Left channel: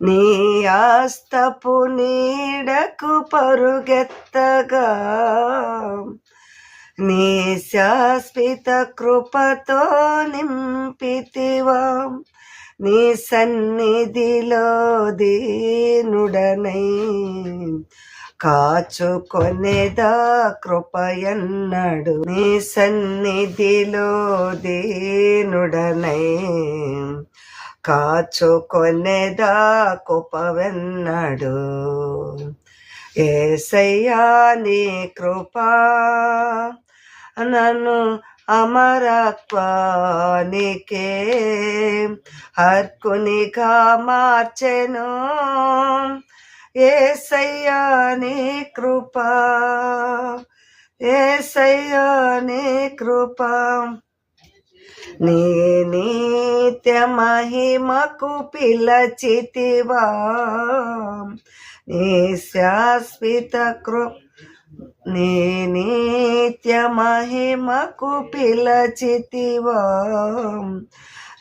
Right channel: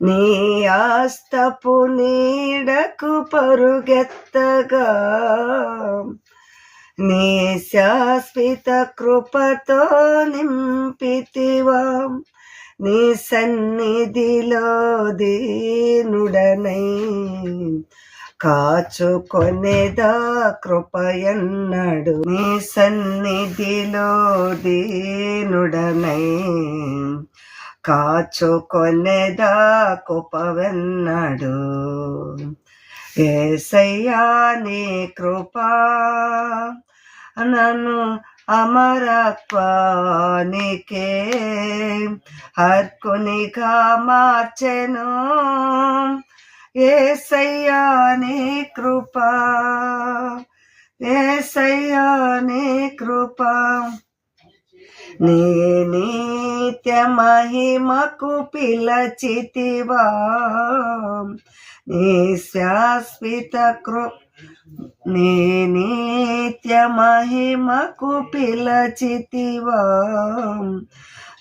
నీ ఆస్తపు నీడకు పరుగెత్తగా నీ శాశ్వత కృపతో నింపితివా నీ సన్నిధిలో దీనుడనై కాచుకొనేదా కృపయన్నడు నీ సన్నిధిలో దీనుడనై కాచుకొనేదా కృపవెన్నడు యేసయ్యా నీ కృపా నన్ను అమరత్వానికే హక్కునిగా మార్చెను యేసయ్యా నీ కృపా యేసయ్యా నీ కృపా నీ నిత్య మహిమకు పిలచితివా నీ శాశ్వత నీ నిత్య మహిమకు పిలచితివా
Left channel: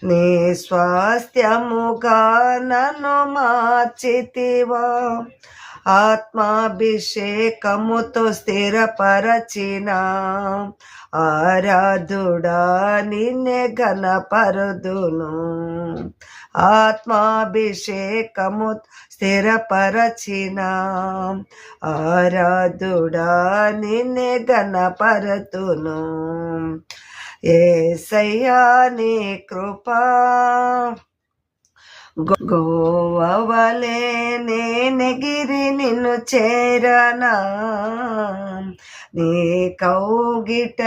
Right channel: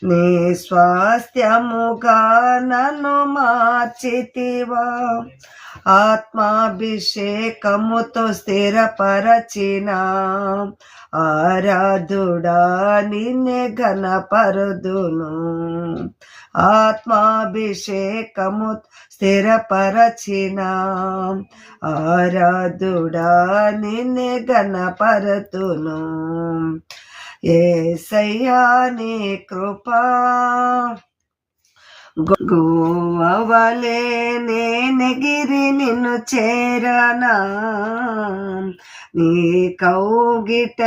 నీ స్వాస్థ్యముగా నన్ను మార్చితివా ఆత్మాభిషేకముతో స్థిరపరచిన ఆరాధుడా నిన్నే ఘనపరుదును ఆత్మాభిషేకము స్థిరపరచిన ఆరాధుడా నిన్నే ఘనపరతును యేసయ్యా నీ కృపా గోవలే నేనెగిరి నిన్ను చేరనా నీ కౌగిట